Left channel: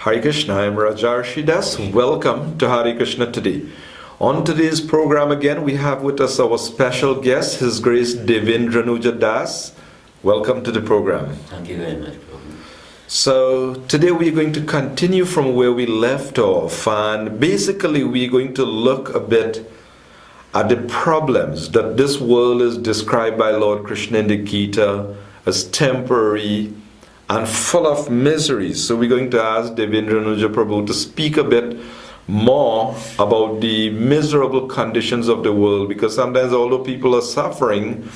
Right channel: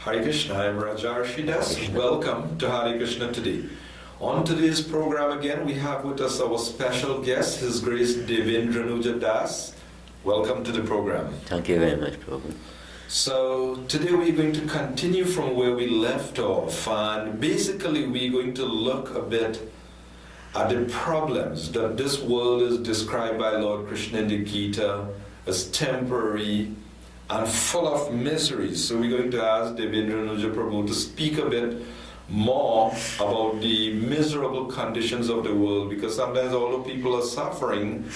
Hare Krishna, I'm Rajarsi Dasa. Welcome to Hare Krishna today. On today's program again, we have with us our special guest, His Grace Devendranujya Dasa. Welcome to the program. Thank you very much, Prabhu. So today we're going to continue from where we left off, and basically we're going to look a bit at the problems that this world is described by Lord Krishna in the Gita as temporary and full of miseries. So we're going to ask Devendranuja Prabhu to speak a bit more about the miserable conditions of the world, because sometimes although people are suffering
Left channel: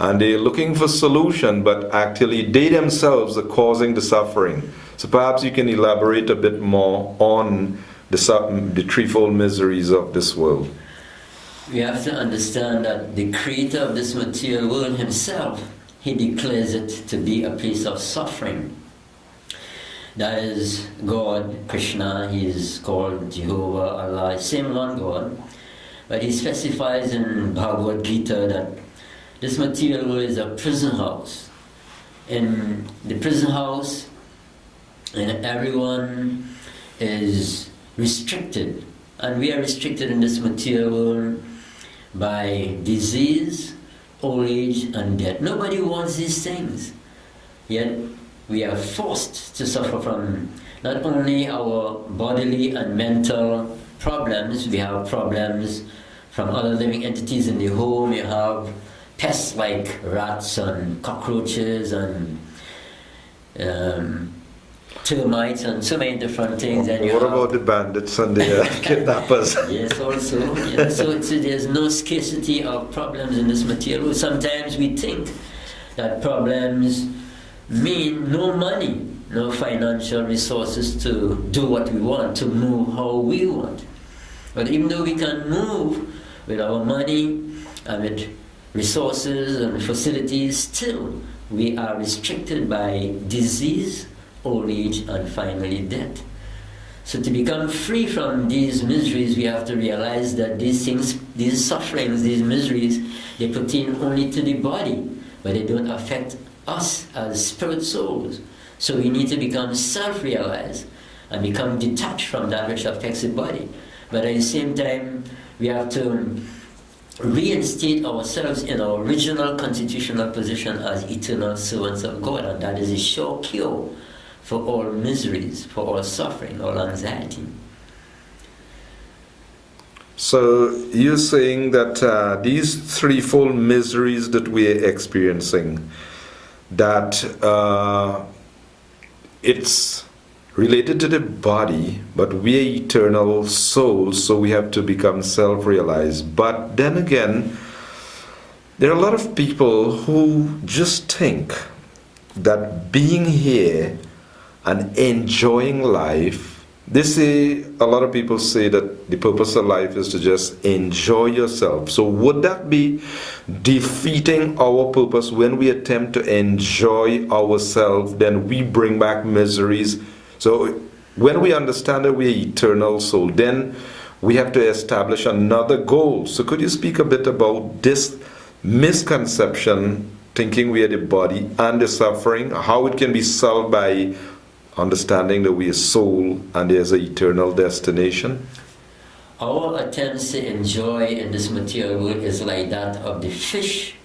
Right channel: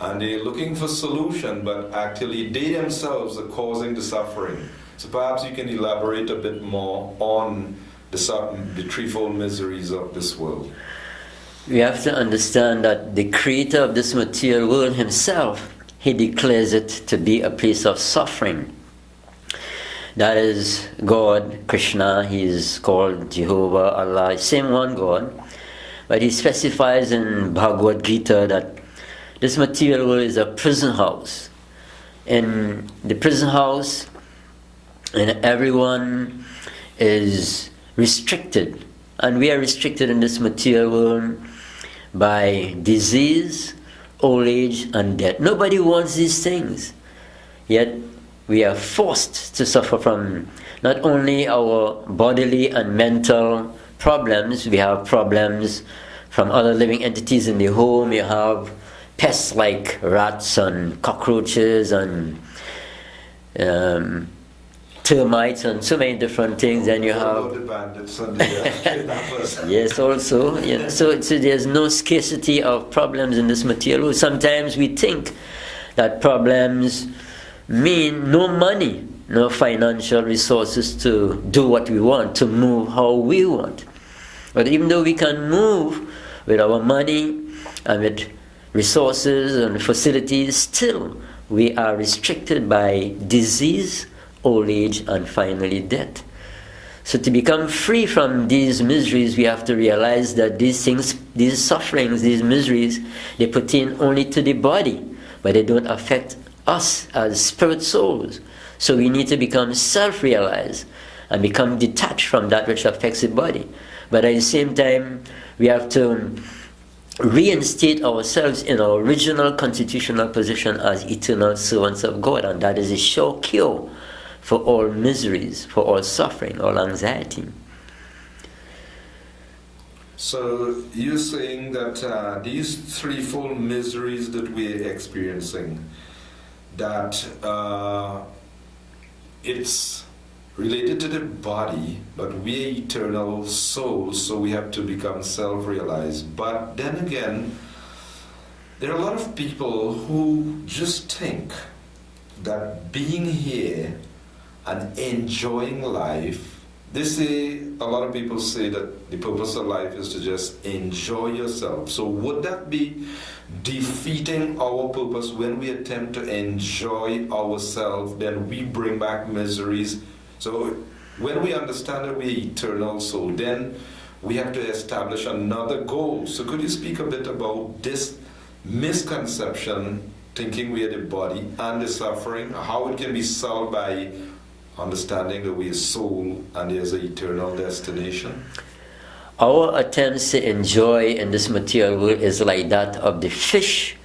and they're looking for solution, but actually they themselves are causing the suffering. So perhaps you can elaborate a bit more on the threefold miseries of this world. We have to understand that the creator of this material world himself, he declares it to be a place of suffering. That is God, Krishna, he is called Jehovah, Allah, same one God. But he specifies in Bhagavad Gita that this material world is a prison house. In the prison house, and everyone is restricted. And we are restricted in this material world by disease, old age, and death. Nobody wants these things. Yet we are forced to suffer from not only our bodily and mental problems, we have problems from other living entities in the home. You have pests like rats and cockroaches and termites and so many different things. And what about the bandits and the kidnappers? Yes, also. Yeah. So there's no scarcity of problems in this material. Sometimes we think that problems mean no money, no financial resources to do what we want, to move how we want. But even though we can move with our money and with resources and facilities, still we are restricted by disease, old age, and finally death. So to become free from these miseries, we have to realize that these things, these sufferings, these miseries, they pertain only to the body, but they don't affect us as spirit souls. So we need to become self-realized and become detached from that which affects the body. But at the same time, we have to reinstate ourselves in our original constitutional position as eternal servants of God, and that is a sure cure for all miseries, for all suffering, all anxiety. So you're saying that these threefold miseries that we're experiencing, that it's related to the body, but we're eternal souls, so we have to become self-realized. But then again, there are a lot of people who just think that being here and enjoying life, they say, a lot of people say that the purpose of life is to just enjoy yourself. So would that be defeating our purpose? When we attempt to enjoy ourselves, then we bring back miseries. So when we understand that we're eternal soul, then we have to establish another goal. So could you speak a bit about this misconception, thinking we are the body and the suffering, how it can be solved by understanding that we are soul and there's an eternal destination? Our attempts to enjoy in this material world is like that of the fish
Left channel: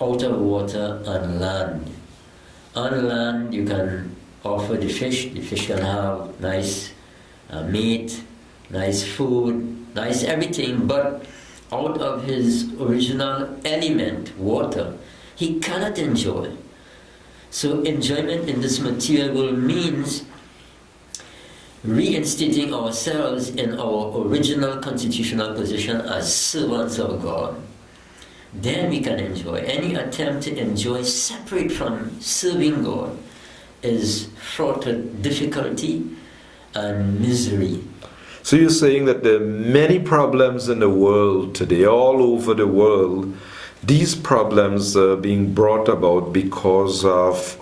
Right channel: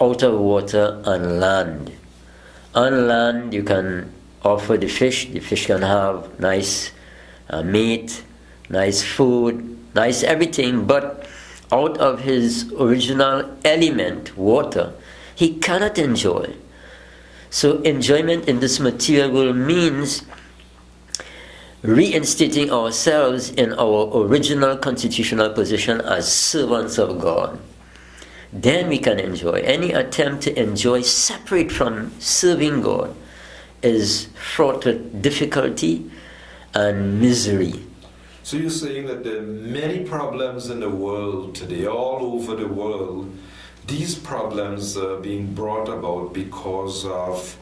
out of water on land. On land, you can offer the fish can have nice meat, nice food, nice everything, but out of his original element, water, he cannot enjoy. So enjoyment in this material world means reinstating ourselves in our original constitutional position as servants of God. Then we can enjoy. Any attempt to enjoy separate from serving God is fraught with difficulty and misery. So you're saying that there are many problems in the world today, all over the world. These problems are being brought about because of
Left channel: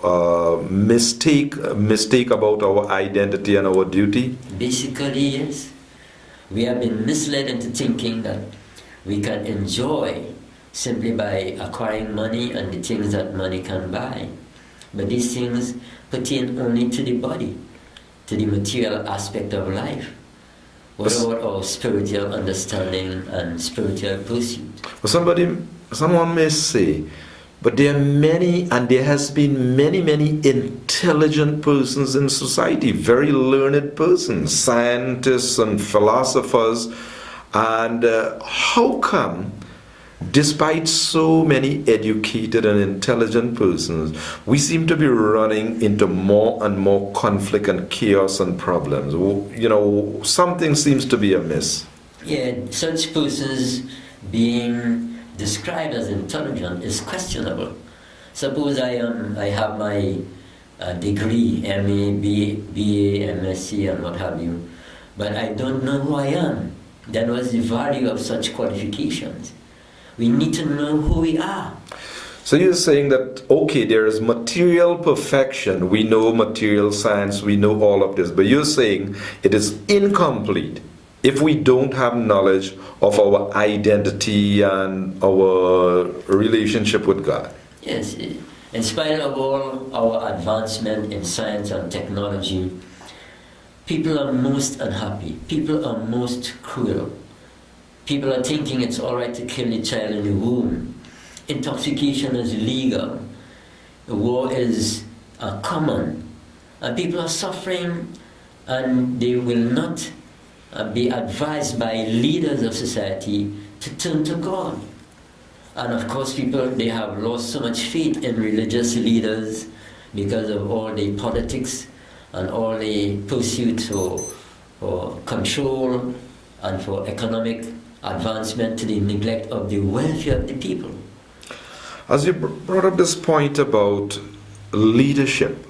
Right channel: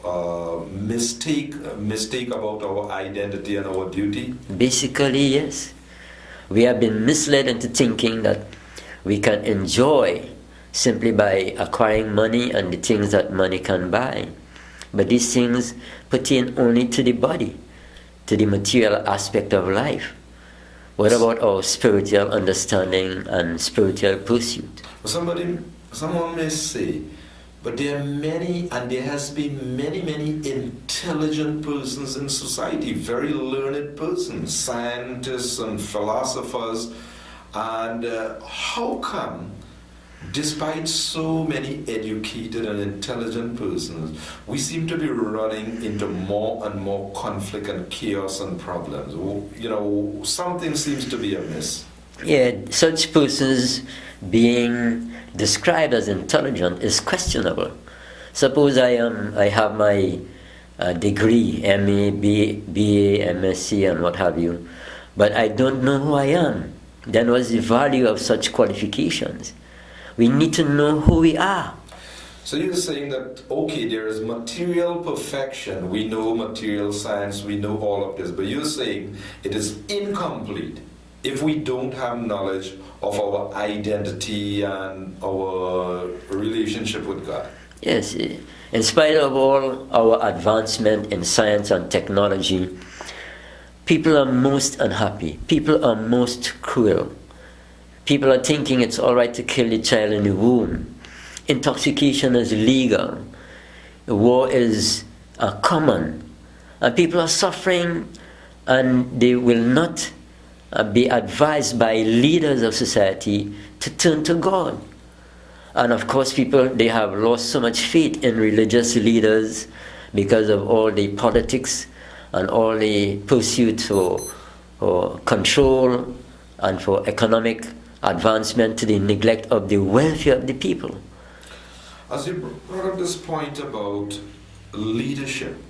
mistake about our identity and our duty? Basically, yes. We have been misled into thinking that we can enjoy simply by acquiring money and the things that money can buy. But these things pertain only to the body. to the material aspect of life. What about our spiritual understanding and spiritual pursuit? Well, someone may say, but there are many, and there has been many intelligent persons in society, very learned persons, scientists and philosophers, and how come, despite so many educated and intelligent persons, we seem to be running into more and more conflict and chaos and problems? You know, something seems to be amiss. Yeah, such persons being described as intelligent is questionable. Suppose I have my degree, MA, BA, MSc, and what have you, but I don't know who I am. Then what's the value of such qualifications? We need to know who we are. So you're saying that, okay, there is material perfection, we know material science, we know all of this, but you're saying it is incomplete if we don't have knowledge of our identity and our relationship with God. Yes, in spite of all our advancement in science and technology, people are most unhappy, people are most cruel. People are thinking it's all right to kill the child in the womb. Intoxication is legal. War is common. And people are suffering, and they will not be advised by leaders of society to turn to God. And of course, people, they have lost so much faith in religious leaders because of all the politics and all the pursuit for control and for economic advancement, to the neglect of the welfare of the people. As you brought up this point about leadership,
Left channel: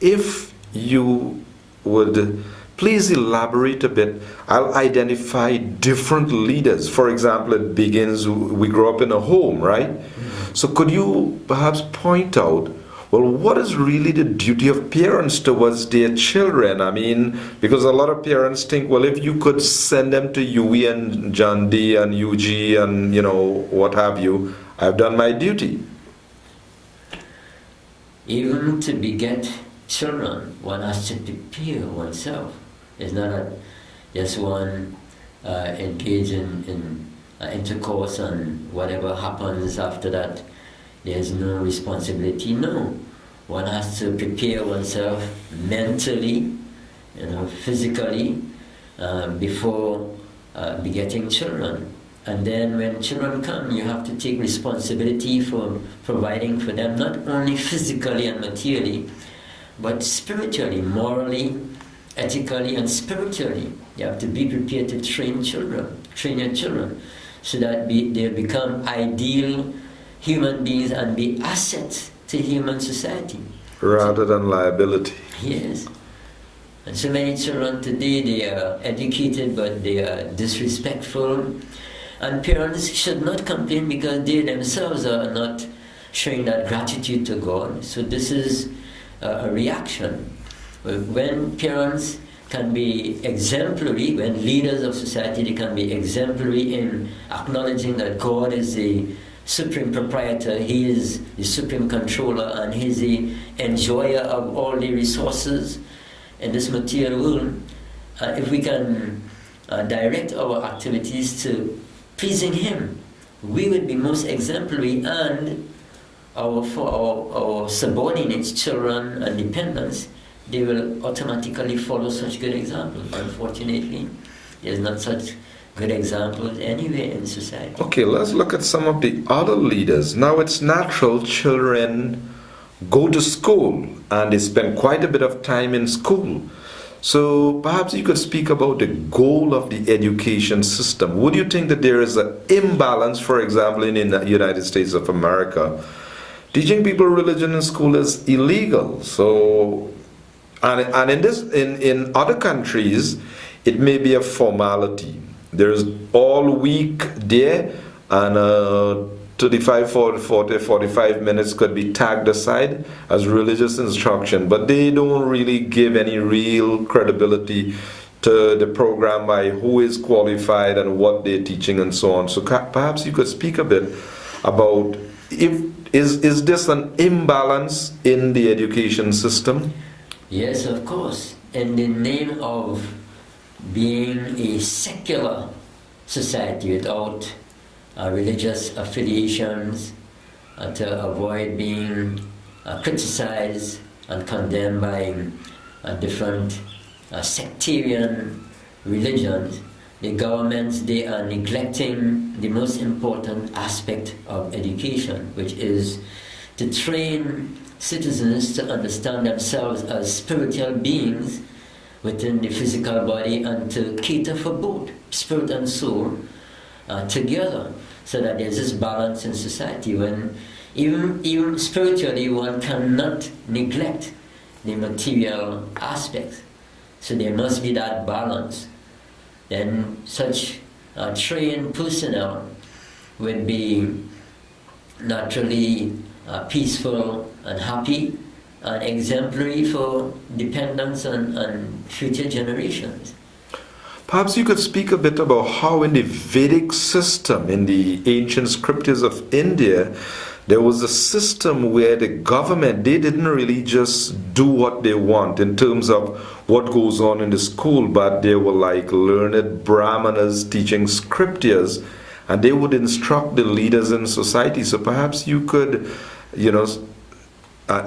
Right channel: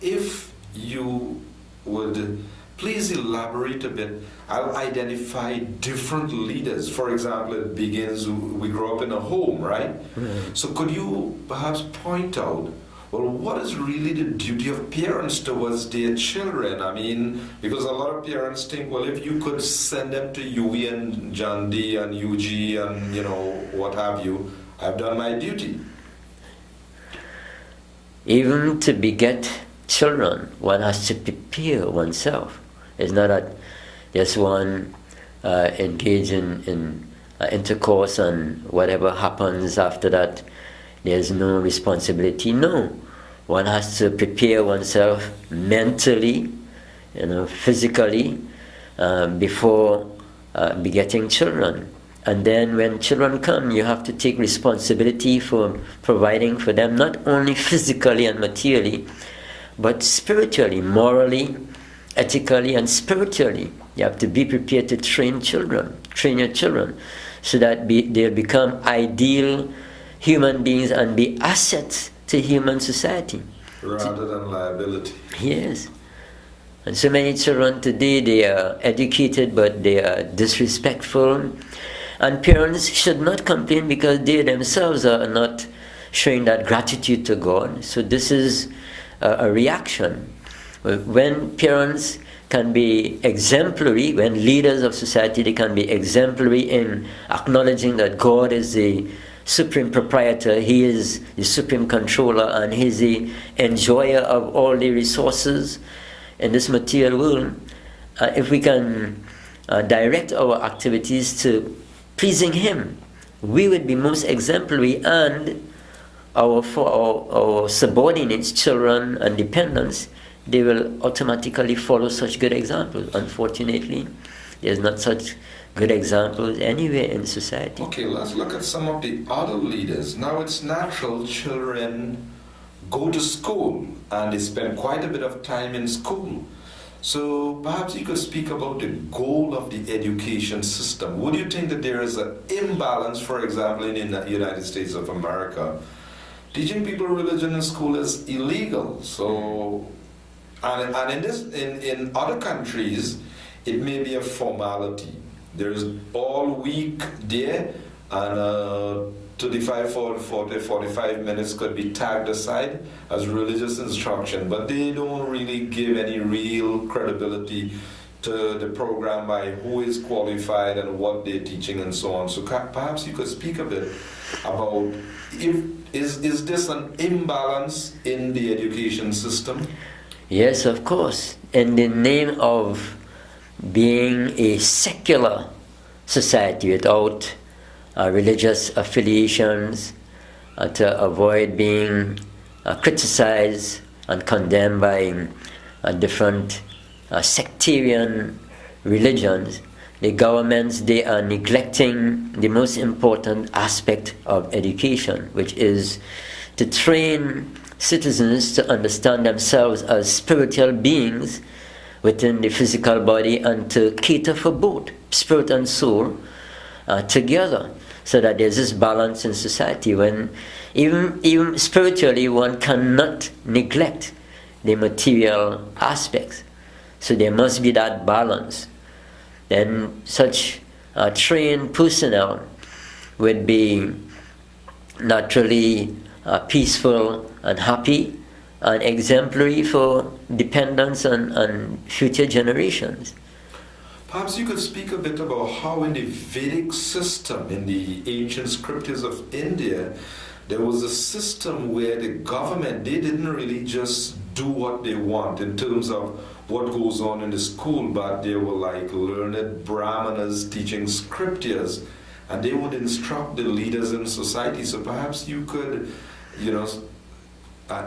if you would please elaborate a bit, I'll identify different leaders. For example, it begins, we grow up in a home, right? Mm-hmm. So could you perhaps point out, well, what is really the duty of parents towards their children? I mean, because a lot of parents think, well, if you could send them to UE and John D and UG and, you know, what have you, I've done my duty. Even to beget children, one has to prepare oneself. It's not that just one engage in intercourse and whatever happens after that, there's no responsibility. No, one has to prepare oneself mentally, physically, before begetting children. And then when children come, you have to take responsibility for providing for them, not only physically and materially, but spiritually, morally, ethically, and spiritually. You have to be prepared to train your children, so that they'll become ideal human beings and be assets to human society. Rather than liability. Yes. And so many children today, they are educated, but they are disrespectful. And parents should not complain because they themselves are not showing that gratitude to God. So this is a reaction. When parents can be exemplary, when leaders of society, they can be exemplary in acknowledging that God is the supreme proprietor, He is the supreme controller, and He is the enjoyer of all the resources in this material world. If we can direct our activities to pleasing Him, we would be most exemplary, and our subordinates, children and dependents, they will automatically follow such good examples. Unfortunately, there's not such good examples anywhere in society. Okay, let's look at some of the other leaders. Now, it's natural children go to school and they spend quite a bit of time in school. So perhaps you could speak about the goal of the education system. Would you think that there is an imbalance, for example, in the United States of America? Teaching people religion in school is illegal. So, and in other countries, it may be a formality. There's all week there, and 35, 40, 45 minutes could be tagged aside as religious instruction, but they don't really give any real credibility to the program by who is qualified and what they're teaching and so on. So perhaps you could speak a bit about, is this an imbalance in the education system? Yes, of course. in the name of being a secular society without religious affiliations, to avoid being criticized and condemned by different sectarian religions, the governments, they are neglecting the most important aspect of education, which is to train citizens to understand themselves as spiritual beings within the physical body, and to cater for both spirit and soul together, so that there's this balance in society. When even spiritually, one cannot neglect the material aspects, so there must be that balance. Then such trained personnel would be naturally peaceful and happy and exemplary for dependents on future generations. Perhaps you could speak a bit about how in the Vedic system, in the ancient scriptures of India, there was a system where the government, they didn't really just do what they want in terms of what goes on in the school, but they were like learned brahmanas teaching scriptures, and they would instruct the leaders in society. So perhaps you could,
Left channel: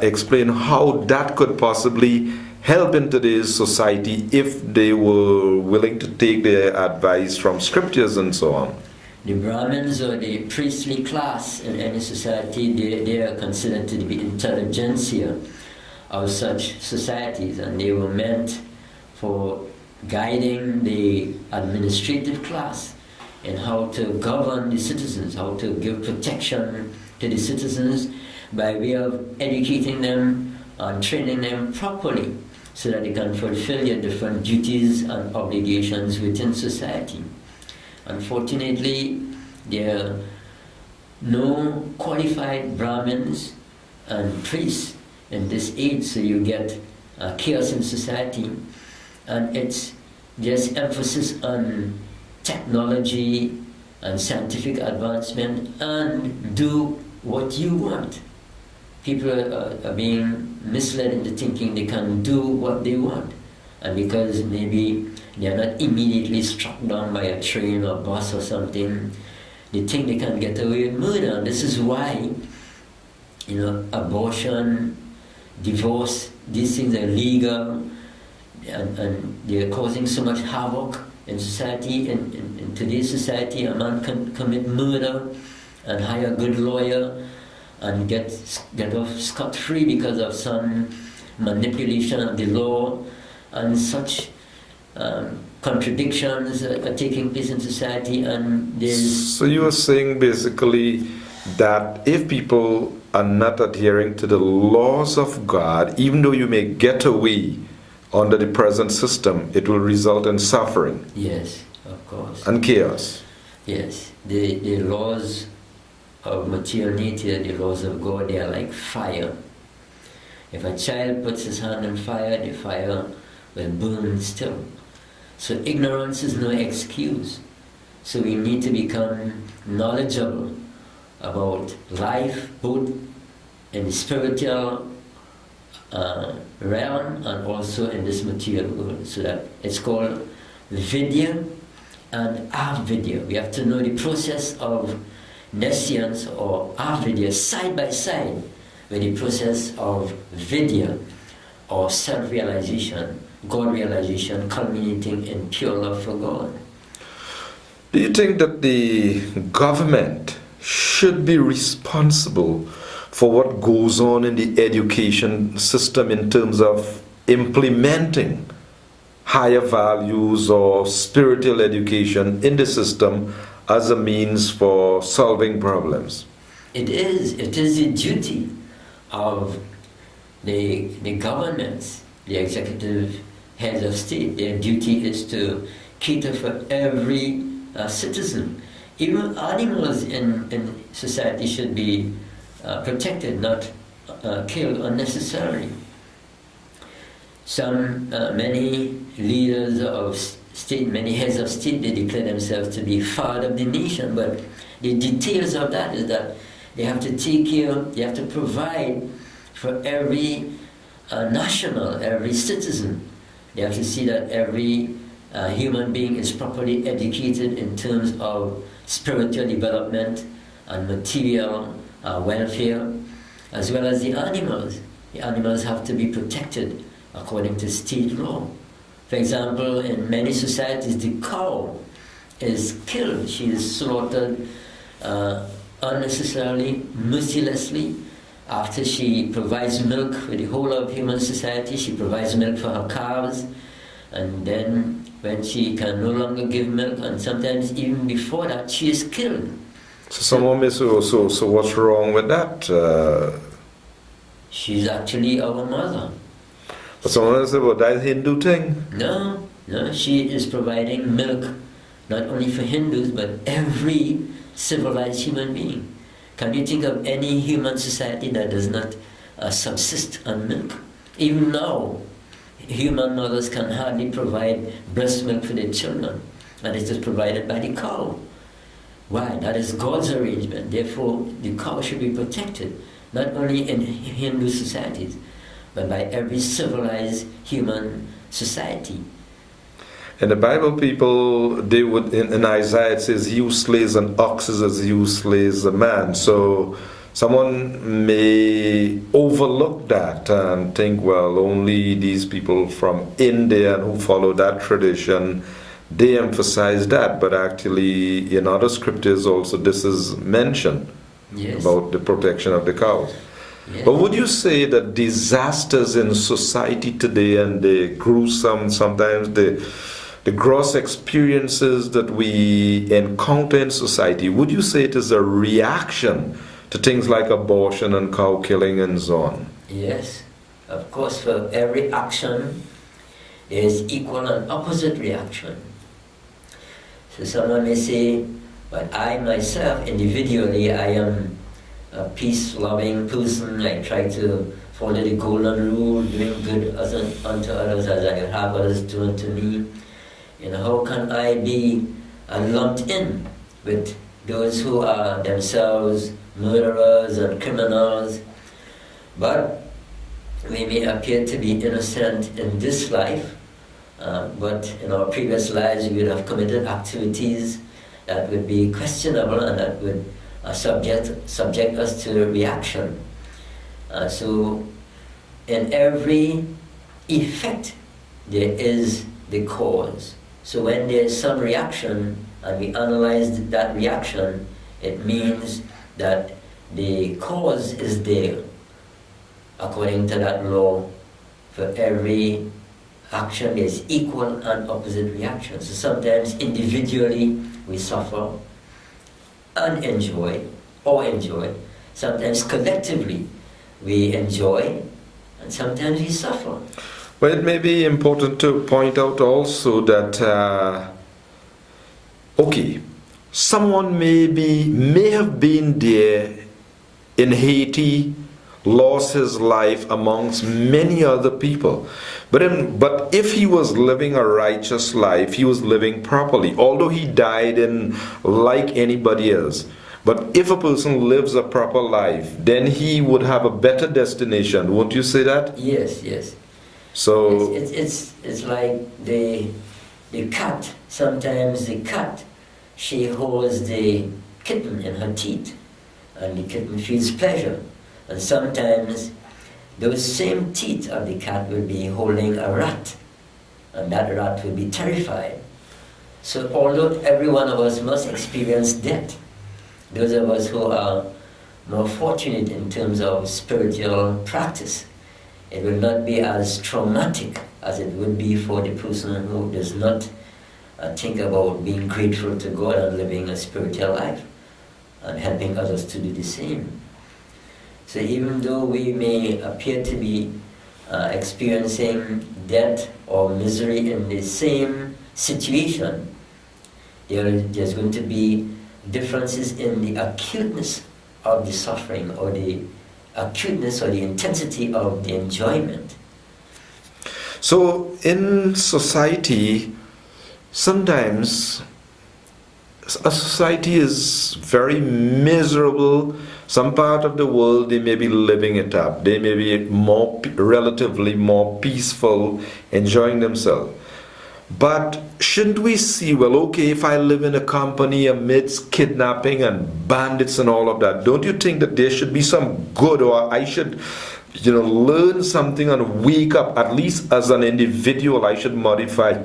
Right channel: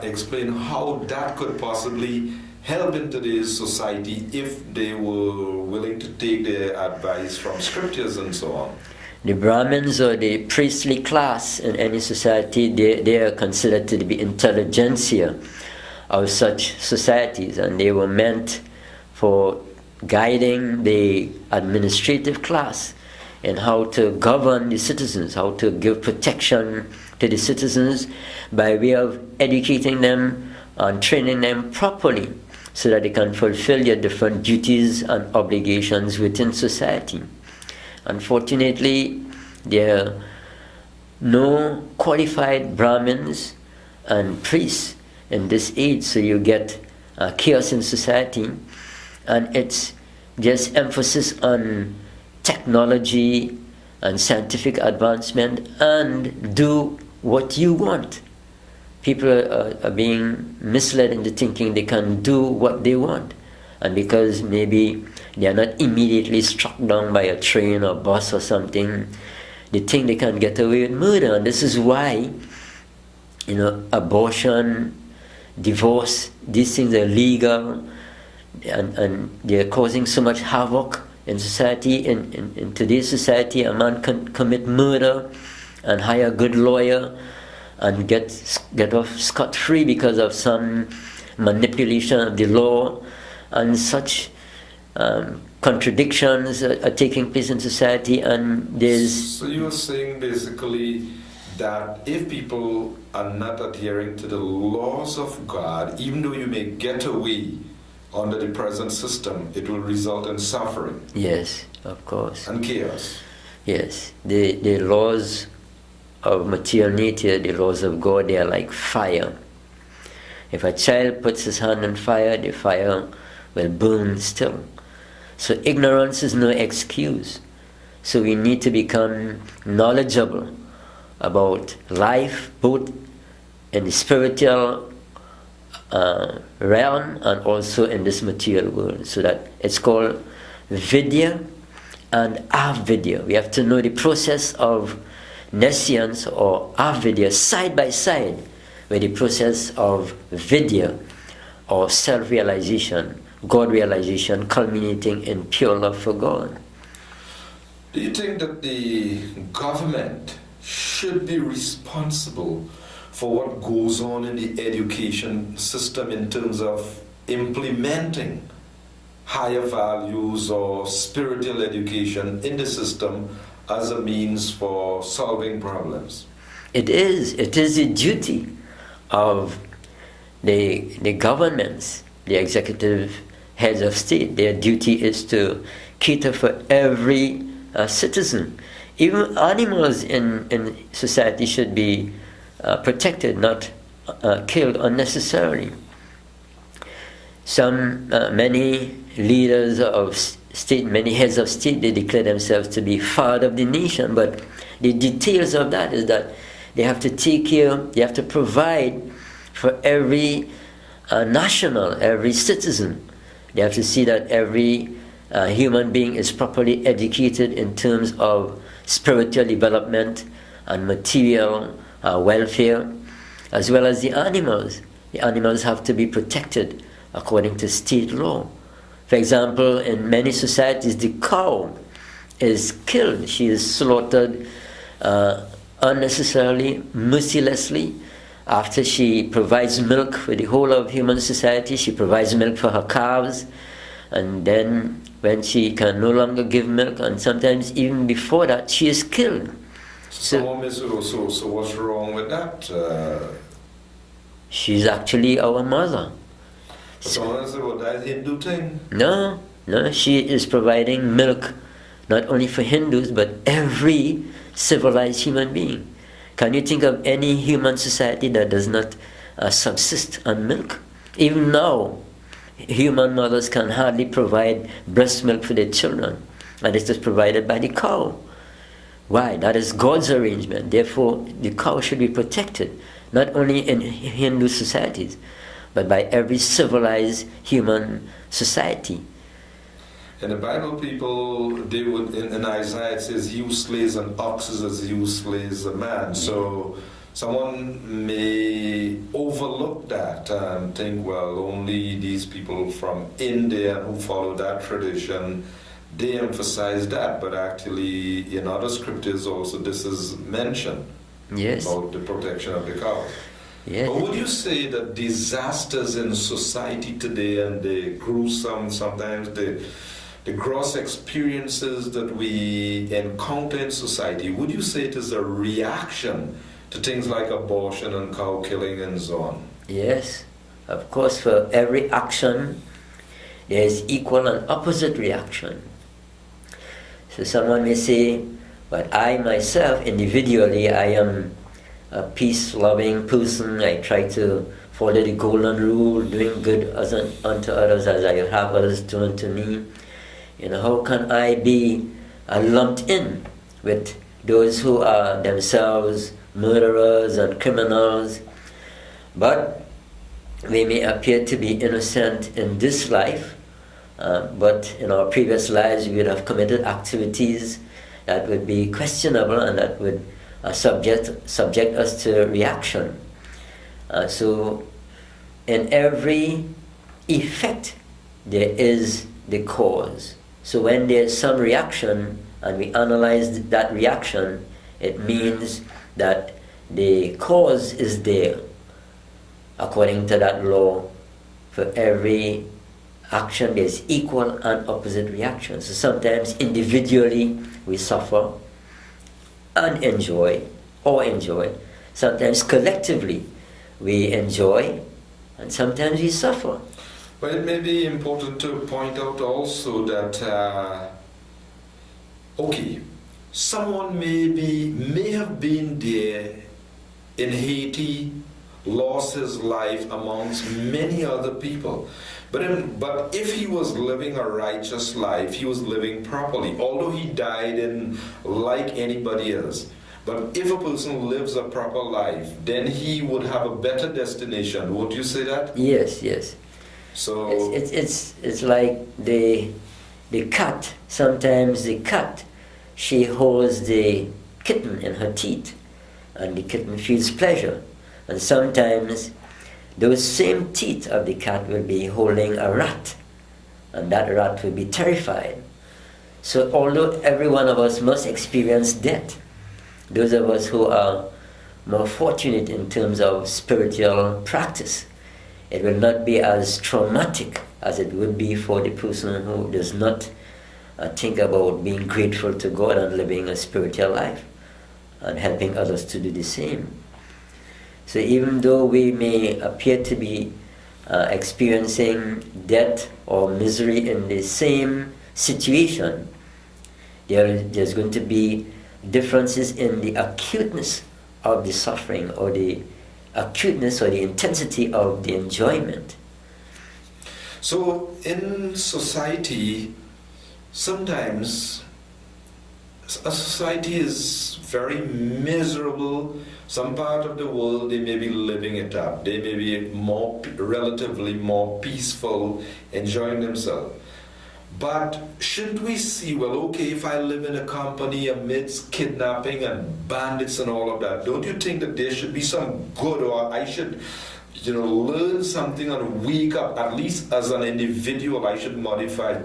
explain how that could possibly help in today's society if they were willing to take their advice from scriptures and so on. The Brahmins, or the priestly class in any society, they are considered to be intelligentsia of such societies, and they were meant for guiding the administrative class in how to govern the citizens, how to give protection to the citizens by way of educating them and training them properly, so that they can fulfill their different duties and obligations within society. Unfortunately, there are no qualified Brahmins and priests in this age, so you get chaos in society, and it's just emphasis on technology and scientific advancement and do what you want. People are being misled into thinking they can do what they want, and because maybe they are not immediately struck down by a train or bus or something, they think they can get away with murder. And this is why, abortion, divorce, these things are legal, and they're causing so much havoc in society. In today's society, a man can commit murder and hire a good lawyer and get off scot-free because of some manipulation of the law, and such contradictions are taking place in society. And there's... So you are saying basically that if people are not adhering to the laws of God, even though you may get away under the present system, it will result in suffering. Yes, of course. And chaos. Yes, the laws of material nature, the laws of God, they are like fire. If a child puts his hand on fire, the fire will burn still. So ignorance is no excuse. So we need to become knowledgeable about life, both in the spiritual realm and also in this material world. So that it's called Vidya and Avidya. We have to know the process of nescience or avidya side by side with the process of vidya or self-realization, God realization, culminating in pure love for God. Do you think that the government should be responsible for what goes on in the education system in terms of implementing higher values or spiritual education in the system as a means for solving problems? It is the duty of the governments, the executive heads of state. Their duty is to cater for every citizen. Even animals in society should be protected, not killed unnecessarily. Many leaders of state, many heads of state, they declare themselves to be father of the nation, but the details of that is that they have to take care, they have to provide for every national, every citizen, They have to see that every human being is properly educated in terms of spiritual development and material welfare, as well as the animals. The animals have to be protected according to state law. For example, in many societies, the cow is killed. She is slaughtered unnecessarily, mercilessly. After she provides milk for the whole of human society, she provides milk for her calves, and then when she can no longer give milk, and sometimes even before that, she is killed. So someone may say, so what's wrong with that? She's actually our mother. But someone will say, well, that's a Hindu thing. No, she is providing milk not only for Hindus, but every civilized human being. Can you think of any human society that does not subsist on milk? Even now, human mothers can hardly provide breast milk for their children, and it is provided by the cow. Why? That is God's arrangement. Therefore, the cow should be protected, not only in Hindu societies, but by every civilized human society. In the Bible, people, they would, in Isaiah it says, he who slays an ox is as he who slays a man. So someone may overlook that and think, well, only these people from India who follow that tradition, they emphasize that. But actually, in other scriptures also, this is mentioned. Yes. About the protection of the cows. Yes. But would you say that disasters in society today and the gruesome, sometimes the gross experiences that we encounter in society, would you say it is a reaction to things like abortion and cow killing and so on? Yes. Of course, for every action, there is equal and opposite reaction. So someone may say, but I myself, individually, I am a peace-loving person. I try to follow the golden rule, doing good unto others as I have others do unto me. How can I be lumped in with those who are themselves murderers and criminals? But we may appear to be innocent in this life, but in our previous lives we would have committed activities that would be questionable and that would subject us to reaction. So in every effect there is the cause. So when there's some reaction and we analyze that reaction, it means that the cause is there according to that law. For every action there's equal and opposite reaction. So sometimes individually we suffer and enjoy, or enjoy. Sometimes collectively we enjoy, and sometimes we suffer. Well, it may be important to point out also that, someone may have been there in Haiti, lost his life amongst many other people. But if he was living a righteous life, he was living properly, although he died like anybody else. But if a person lives a proper life, then he would have a better destination. Won't you say that? Yes. So it's like the cat. Sometimes the cat, she holds the kitten in her teeth, and the kitten feels pleasure. And sometimes those same teeth of the cat will be holding a rat, and that rat will be terrified. So although every one of us must experience death, those of us who are more fortunate in terms of spiritual practice, it will not be as traumatic as it would be for the person who does not think about being grateful to God and living a spiritual life and helping others to do the same. So even though we may appear to be experiencing death or misery in the same situation, there's going to be differences in the acuteness of the suffering, or the acuteness or the intensity of the enjoyment. So in society, sometimes a society is very miserable, Some part of the world, they may be living it up. They may be relatively more peaceful, enjoying themselves. But shouldn't we see, well, okay, if I live in a company amidst kidnapping and bandits and all of that, don't you think that there should be some good, or I should, learn something and wake up, at least as an individual, I should modify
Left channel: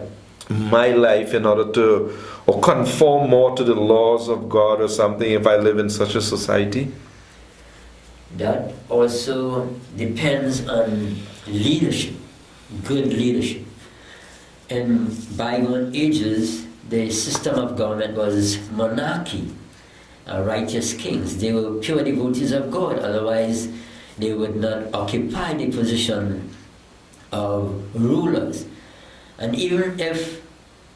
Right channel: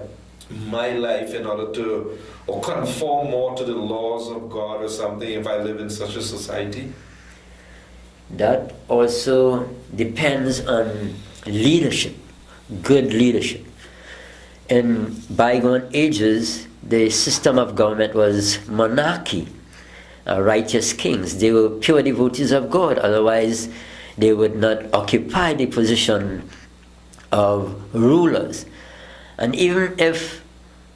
my life in order to, or conform more to the laws of God or something if I live in such a society? That also depends on leadership, good leadership. In bygone ages, the system of government was monarchy, righteous kings. They were pure devotees of God, otherwise they would not occupy the position of rulers. And even if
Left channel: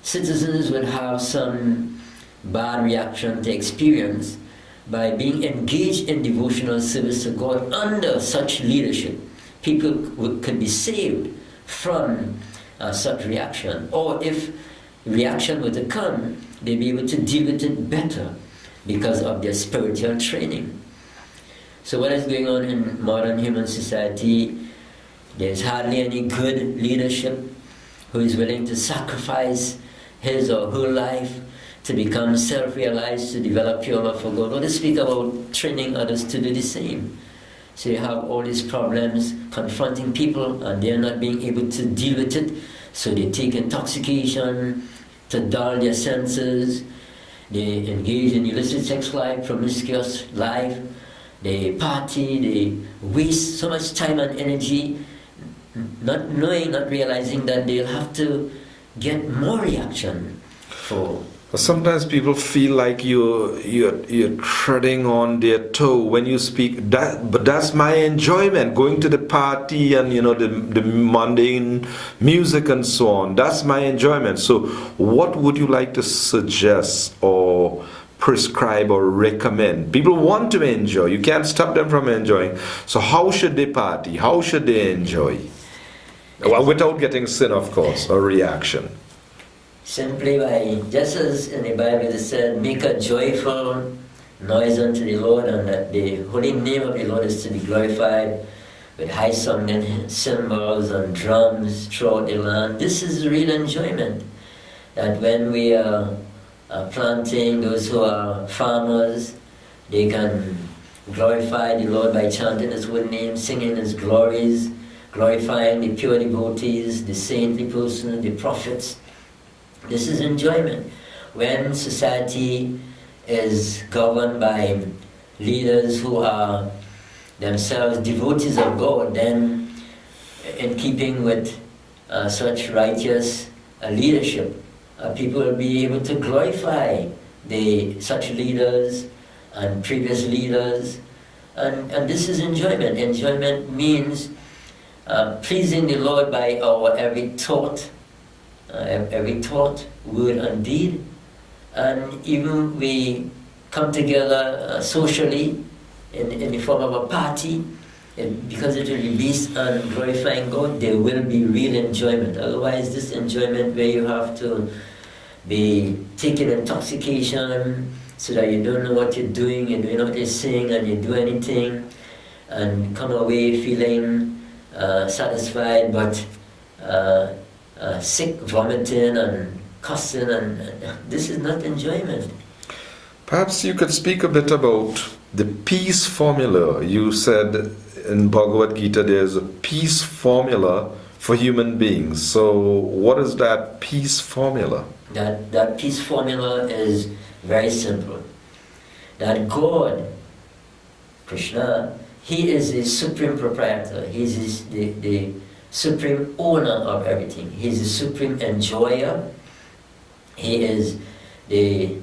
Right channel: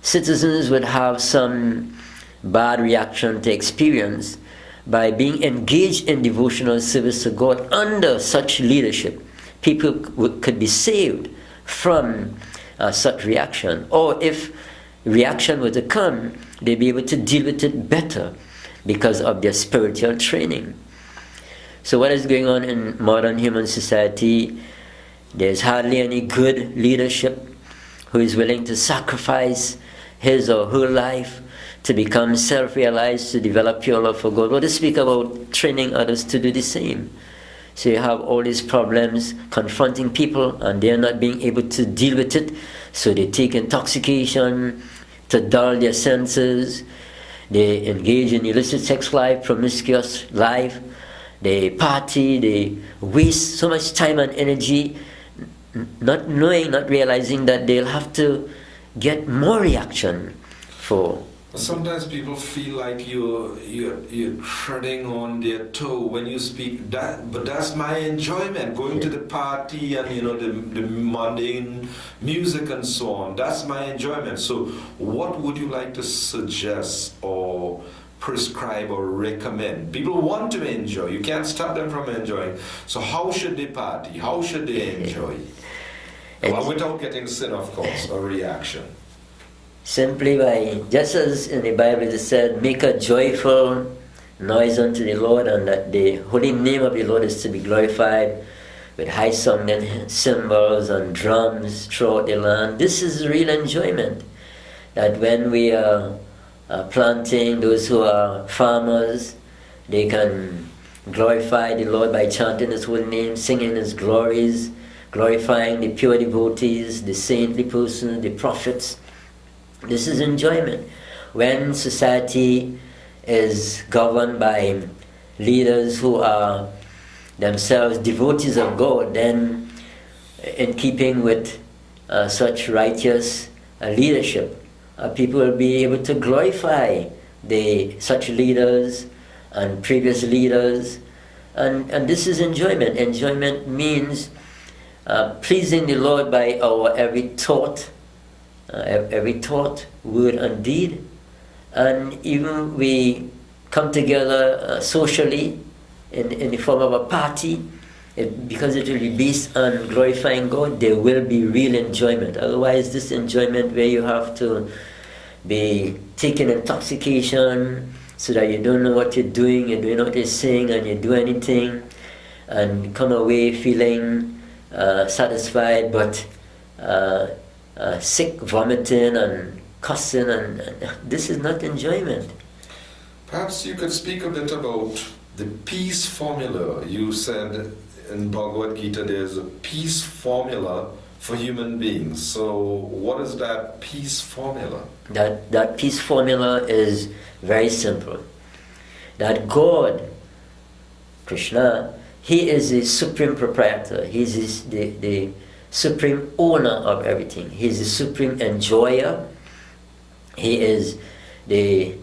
citizens would have some bad reaction to experience, by being engaged in devotional service to God under such leadership, people could be saved from such reaction. Or if reaction were to come, they'd be able to deal with it better because of their spiritual training. So what is going on in modern human society? There's hardly any good leadership who is willing to sacrifice his or her life to become self-realized, to develop pure love for God, or to speak about training others to do the same. So you have all these problems confronting people, and they're not being able to deal with it, so they take intoxication to dull their senses, they engage in illicit sex life, promiscuous life, they party, they waste so much time and energy, not knowing, not realizing that they'll have to get more reaction for. Sometimes people feel like you're treading on their toe when you speak. But that's my enjoyment, going to the party and the mundane music and so on. That's my enjoyment. So, what would you like to suggest or prescribe or recommend? People want to enjoy. You can't stop them from enjoying. So, how should they party? How should they enjoy? Well, without getting sin, of course, or reaction. Simply by, just as in the Bible it said, make a joyful noise unto the Lord, and that the holy name of the Lord is to be glorified with high song and cymbals and drums throughout the land. This is real enjoyment. That when we are planting, those who are farmers, they can glorify the Lord by chanting His holy name, singing His glories, glorifying the pure devotees, the saintly persons, the prophets. This is enjoyment. When society is governed by leaders who are themselves devotees of God, then in keeping with such righteous leadership, people will be able to glorify such leaders and previous leaders, and this is enjoyment. Enjoyment means pleasing the Lord by our every thought, word and deed, and even we come together socially in the form of a party, because it will be based on glorifying God, there will be real enjoyment. Otherwise, this enjoyment where you have to be taking intoxication so that you don't know what you're doing what you're saying, and you do anything and come away feeling satisfied but sick, vomiting and cussing, and this is not enjoyment. Perhaps you could speak a bit about the peace formula. You said in Bhagavad Gita there's a peace formula for human beings. So what is that peace formula? That peace formula is very simple. That God, Krishna, He is the supreme proprietor. He is the supreme owner of everything. He is the supreme enjoyer. He is the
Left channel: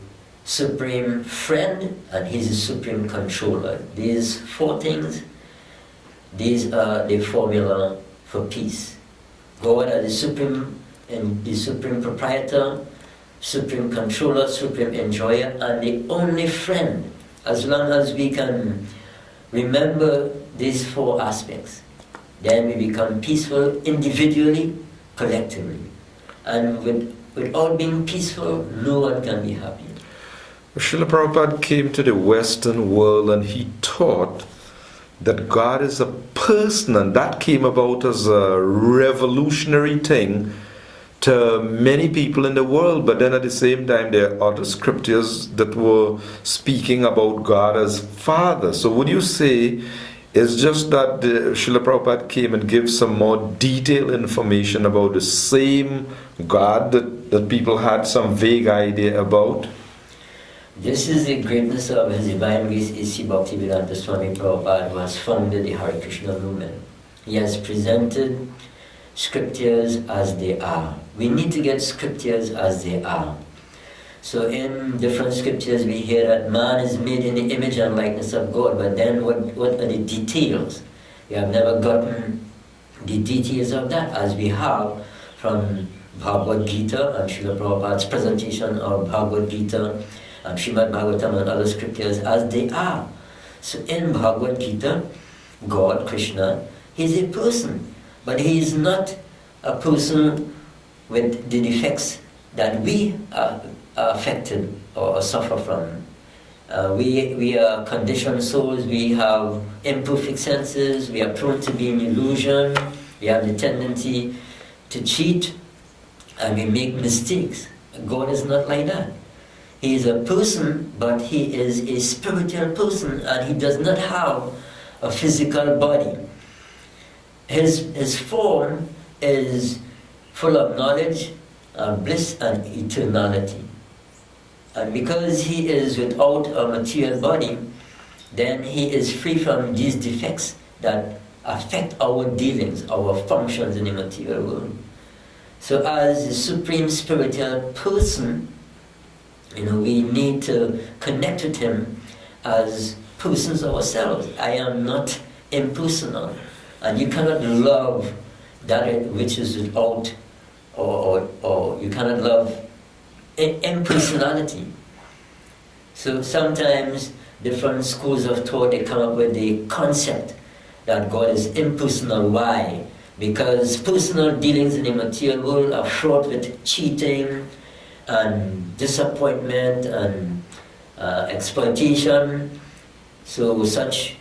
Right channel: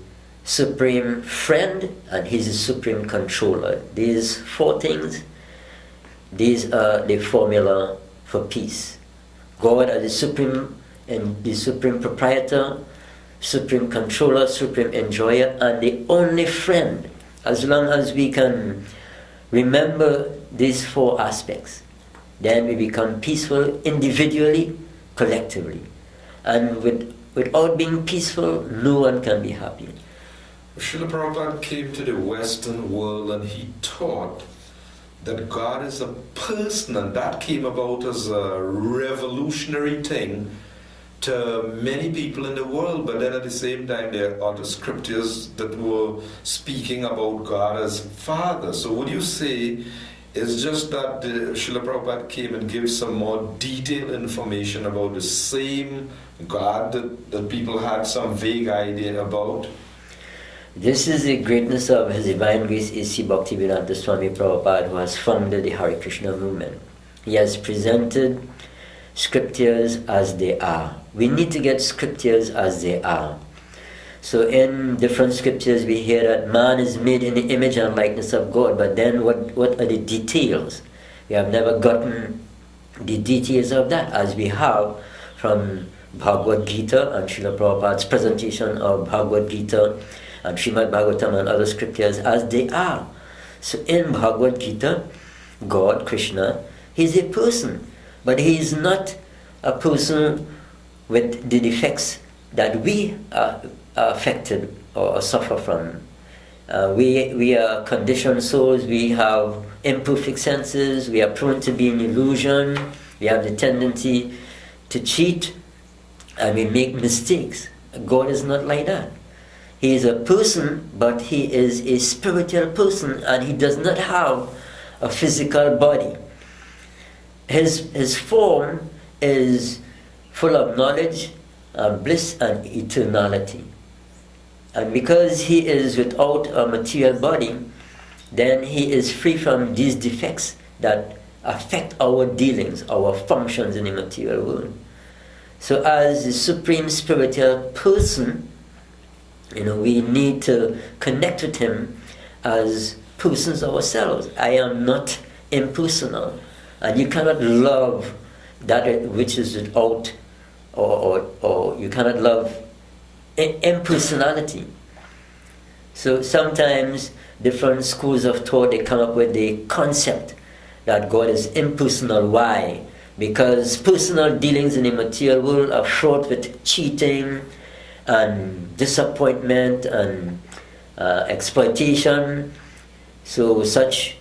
supreme friend, and He's the supreme controller. These four things, these are the formula for peace. God as the supreme proprietor, supreme controller, supreme enjoyer, and the only friend. As long as we can remember these four aspects, then we become peaceful individually, collectively. And without being peaceful, no one can be happy. Srila Prabhupada came to the Western world and he taught that God is a person, and that came about as a revolutionary thing to many people in the world. But then at the same time, there are other scriptures that were speaking about God as Father. So would you say it's just that Srila Prabhupada came and gave some more detailed information about the same God that people had some vague idea about? This is the greatness of His Divine Grace A.C. Bhaktivedanta Swami Prabhupada, who has founded the Hare Krishna movement. He has presented scriptures as they are. We need to get scriptures as they are. So in different scriptures we hear that man is made in the image and likeness of God, but then what are the details? We have never gotten the details of that, as we have from Bhagavad Gita and Srila Prabhupada's presentation of Bhagavad Gita and Srimad Bhagavatam and other scriptures as they are. So in Bhagavad Gita, God, Krishna, He is a person, but He is not a person with the defects that we are affected or suffer from. We are conditioned souls, we have imperfect senses, we are prone to be in illusion, we have the tendency to cheat, and we make mistakes. God is not like that. He is a person, but He is a spiritual person, and He does not have a physical body. His form is full of knowledge and bliss and eternality. And because He is without a material body, then He is free from these defects that affect our dealings, our functions in the material world. So as the supreme spiritual person, we need to connect with Him as persons ourselves. I am not impersonal. And you cannot love that which is without, or you cannot love impersonality. So sometimes different schools of thought, they come up with the concept that God is impersonal. Why? Because personal dealings in the material world are fraught with cheating and disappointment and exploitation. So such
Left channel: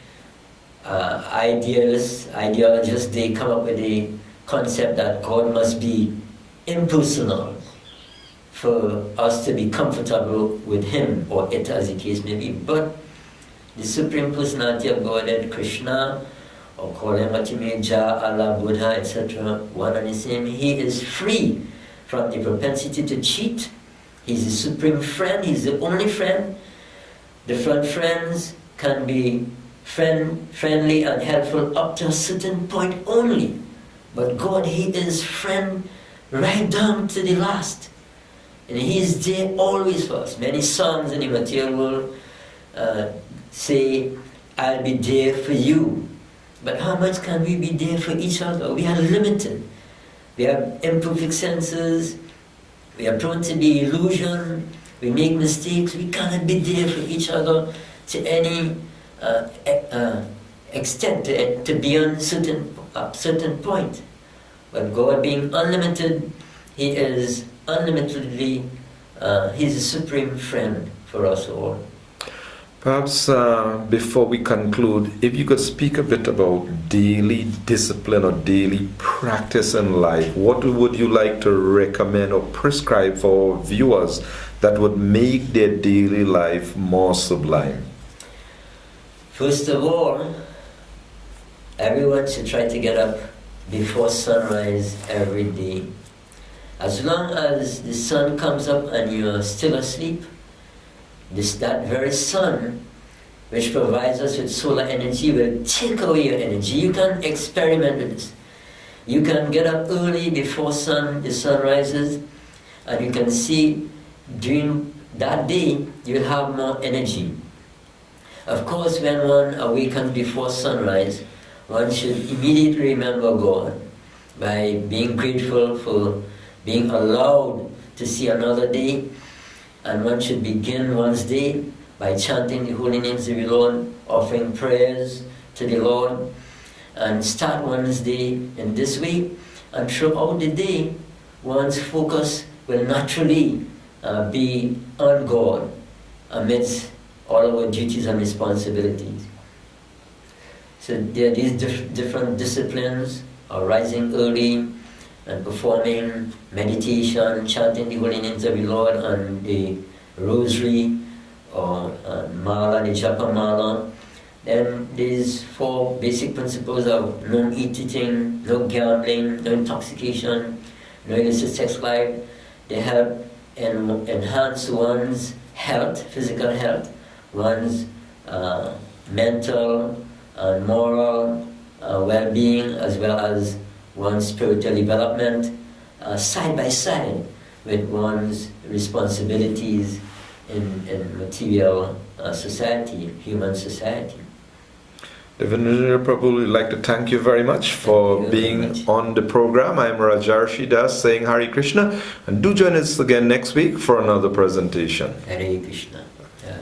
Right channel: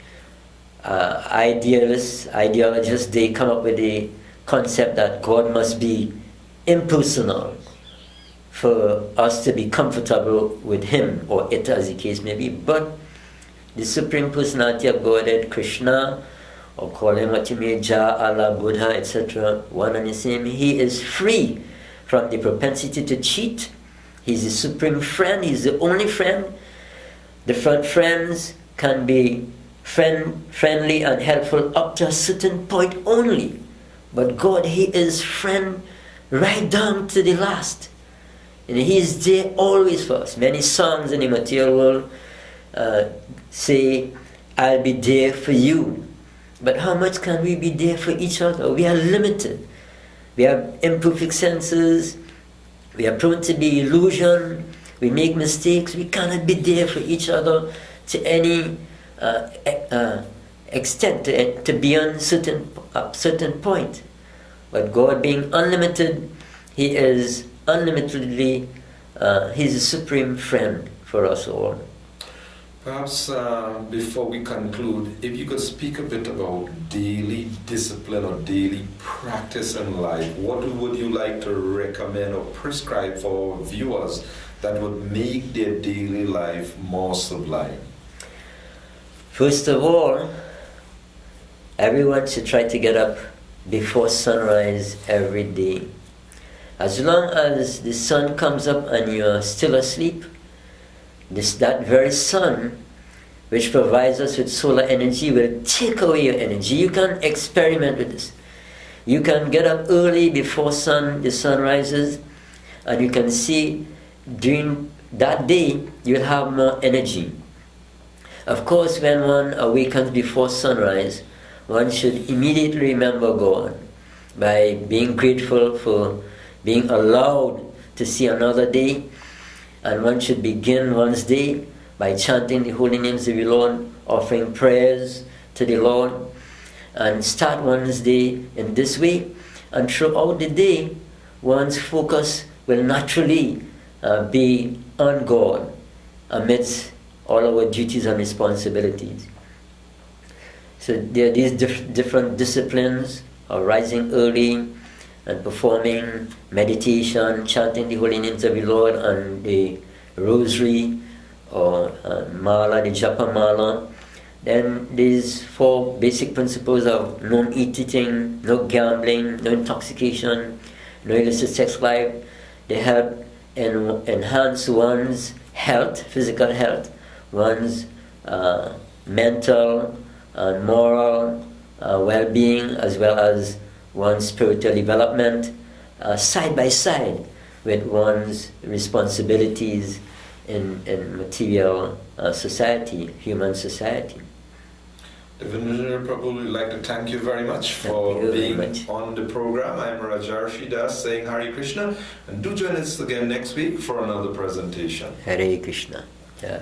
ideologists, they come up with the concept that God must be impersonal for us to be comfortable with Him, or it, as the case may be. But the Supreme Personality of Godhead, Krishna, or call Him what you may, Jah, Allah, Buddha, etc., one and the same, He is free from the propensity to cheat. He's the supreme friend, He's the only friend. Different friends can be friendly and helpful up to a certain point only. But God, He is friend right down to the last. And He is there always for us. Many songs in the material world say, I'll be there for you. But how much can we be there for each other? We are limited. We have imperfect senses. We are prone to be illusion. We make mistakes. We cannot be there for each other to any extent, to beyond certain point. But God, being unlimited, He is unlimitedly, He's a supreme friend for us all. Perhaps before we conclude, if you could speak a bit about daily discipline or daily practice in life, what would you like to recommend or prescribe for viewers that would make their daily life more sublime? First of all, everyone should try to get up before sunrise every day. As long as the sun comes up and you're still asleep, that very sun, which provides us with solar energy, will take away your energy. You can experiment with this. You can get up early before the sun rises, and you can see during that day you'll have more energy. Of course, when one awakens before sunrise, one should immediately remember God by being grateful for being allowed to see another day. And one should begin one's day by chanting the holy names of the Lord, offering prayers to the Lord, and start one's day in this way. And throughout the day, one's focus will naturally be on God. amidst all our duties and responsibilities. So there are these different disciplines of rising early and performing meditation, chanting the holy names of the Lord and the rosary or mala, the japa mala. Then these 4 basic principles of no eating, no gambling, no intoxication, no illicit sex life. They help enhance one's health, physical health, one's mental and moral well-being, as well as one's spiritual development, side by side with one's responsibilities in material society, human society. Devendra Prabhu, we'd like to thank you very much for being on the program. I am Rajarsi Das saying Hare Krishna, and do join us again next week for another presentation. Hare Krishna. Jai.